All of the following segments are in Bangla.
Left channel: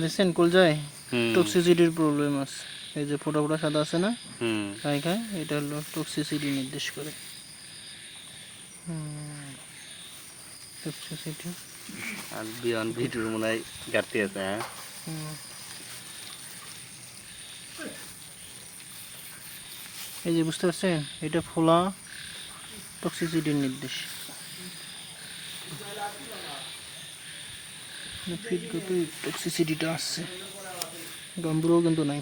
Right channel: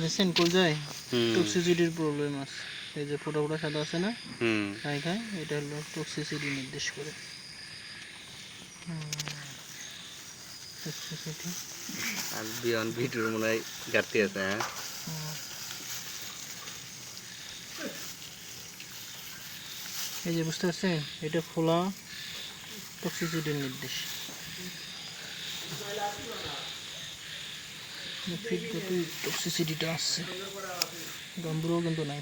দেখছেন কলজায় টক্সিসিটির প্রবলেম আছে, এই যে ফোটা ফোটা সাদা আছে না খায়, এটা হলো টক্সিসিটি নির্দেশ করে। টক্সিসিটি আর বিয়ন ভিডিওর মনে হয় ঘাটতি আছে। হ্যাঁ, এই যে বুঝতে পারছেন, এটা ফোলা টক্সিসিটির নির্দেশ। টক্সিসিটিটা আসছে, গাম্বুরও কিন্তু নাই,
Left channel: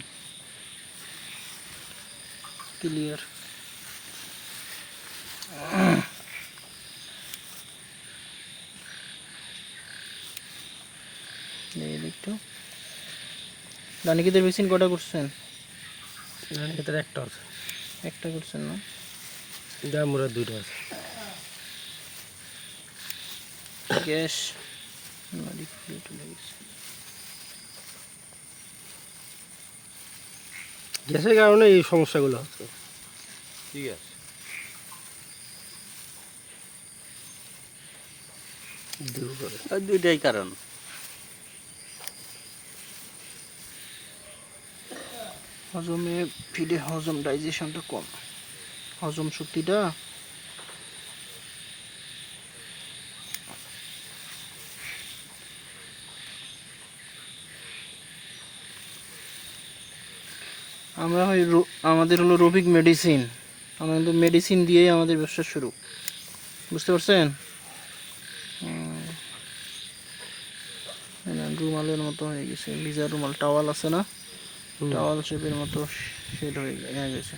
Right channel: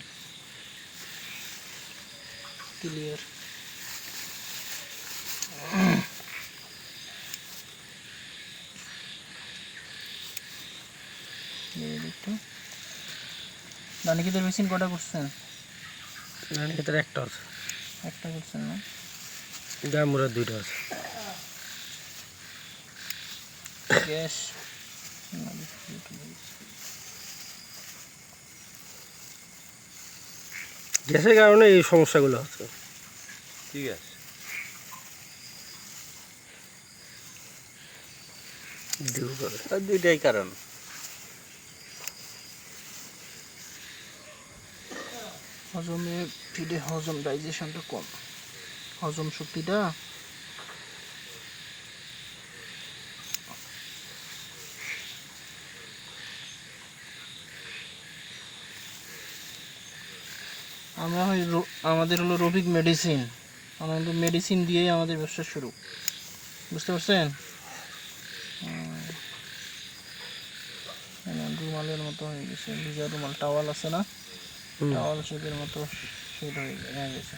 ক্লিয়ার। দেখতো রানিকেতের ভ্যাকসিন কটা করছেন? রানিকেতের একটা আছে, একটা করছেন না? গাম্বুরার 2টা আছে। গ্যাস গ্যাসের কারণে এই সমস্যাগুলো হচ্ছে। ঠিক আছে। দুইটাই কারণ। হজমে ফিডে হজম ডাইজেশনটা কম, হজম শক্তিটা আমরা আমাদের হলো রবিক মেডিসিন, আমাদের মেডিসিন দিয়েই আমাদের ব্যবসা শুরু, বুঝতে পারছেন? রুমালের মতো হয়ে গেছে, লিজার রুমাল টাওয়াল আছে না, টাওয়াল শেপের মতো শেড হয়ে গেছে,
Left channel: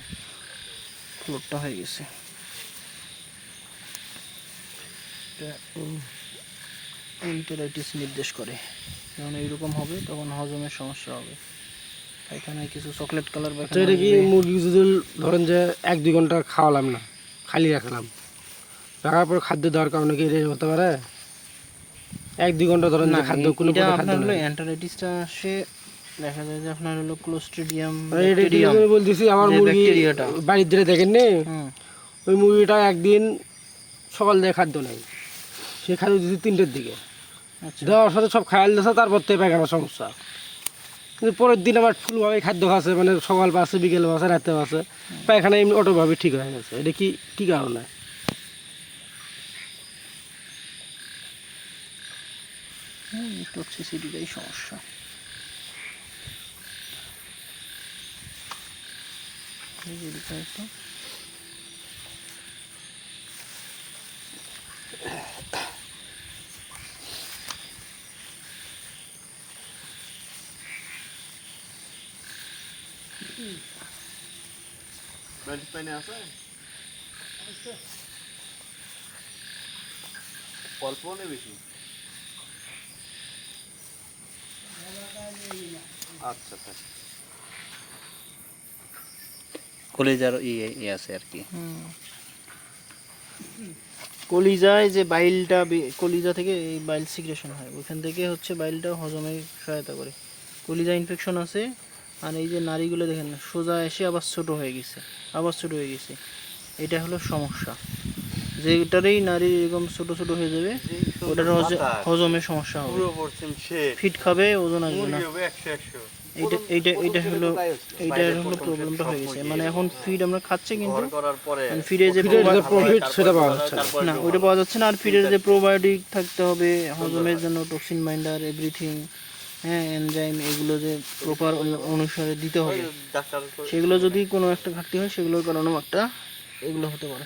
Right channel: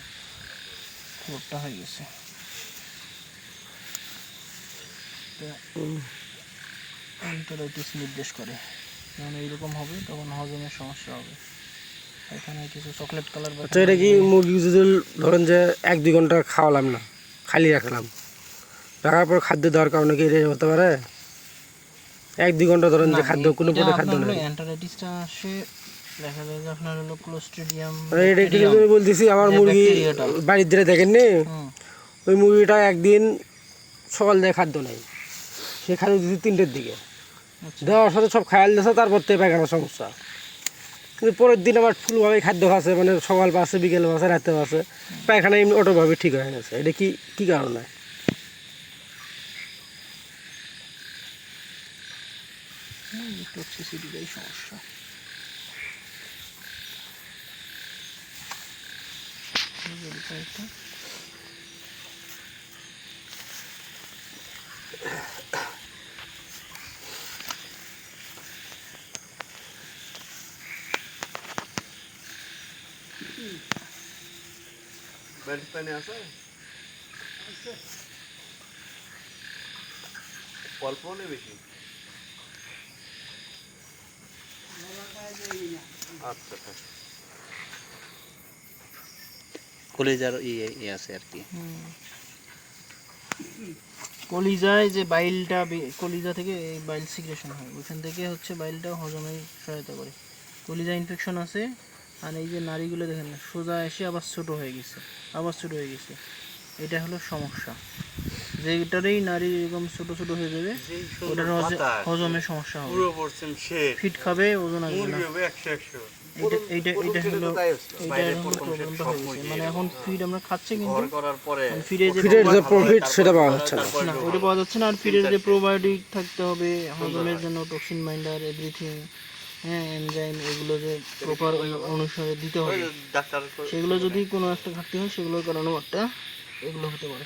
ফ্লোরটা হয়ে গেছে। এন্টারাইটিস নির্দেশ করে, যখন এইরকম হবে তখন হজমের সমস্যা হবে। এখানে কিছু চকলেট কালার। আচ্ছা, এটা কি মুরগি যদি ধরেন যে 1-2 ঘন্টা খাওয়ালাম না, খালি রাখলাম, রাখার পর খাদ্য দেওয়ার কারণে কি এটা হতে পারে? 1-2 ঘন্টা ধরেন যে খাদ্য কোনো প্রকার খাদ্য নেই, এন্টারাইটিসটা আসে দেখা যায় যে আপনার হলো ক্লোস্ট্রিডিয়াম। এটা কি আমি বলতেছি, আমার মুরগি বাড়ির ধারে দেখেন নি, ওই মুরগিটা একদিন সকাল থেকে খাদ্য নেই, সে খাদ্য দিচ্ছি 3টের দিকে, দেওয়ার সাথে সব খায়াল দিয়েছে, তারপর থেকে পায়খানার সমস্যা। কিন্তু পরের দিন আবার ফুলভাবে খাদ্য খাচ্ছে, মানে সকাল পাচ্ছে, বিকেল পাচ্ছে, রাতে পাচ্ছে, পায়খানা এমনি অটোভাবে ঠিক হয়ে গেছে। এটা কি কী কারণে? টক্সিসিটিটাই সমস্যা। অল্প নেই বেশি? আচ্ছা, কলিজার ই আছে আর কি। কলিজায় যে বাইলটা, কলিজা থেকে এই বাইল সিক্রেশন হয়, ওইখান থেকে হচ্ছে বাইলটা হজমে সহায়তা করে। কলিজা ইনফেকশন আছে, আর এই যে নাড়িগুলো দেখেন সোজা এসে আবার ছোট হয়ে গেছে, আবার ছোট হয়ে গেছে, এটা হলো সমস্যা। যেটারই নারী এরকম ছোট ছোট হয়ে যাবে, ওটার হজমের সমস্যা হবে, ফিট খাবে, ওজন আসবে না। এইটা হলো প্রবলেমটা হয়ে গেছে। মানে এখন ফিড আমরা খাচ্ছি, কিন্তু ফিডে যে প্রফিট সেটা পাওয়া যাচ্ছে না, ওইটা পাওয়া যাচ্ছে না। আর ফিডের যে প্রোবায়োটিক থাকতে হবে হজমের জন্য, টক্সিন মাইন্ডার, এভরিথিং, হ্যাঁ, এনজাইম, এগুলো যে প্রপার অনুসারে দিতে হবে, সেগুলো যদি কোনো একটা ঘাটতি হয়, সেগুলোর কারণেও একটা এগুলো হতে পারে।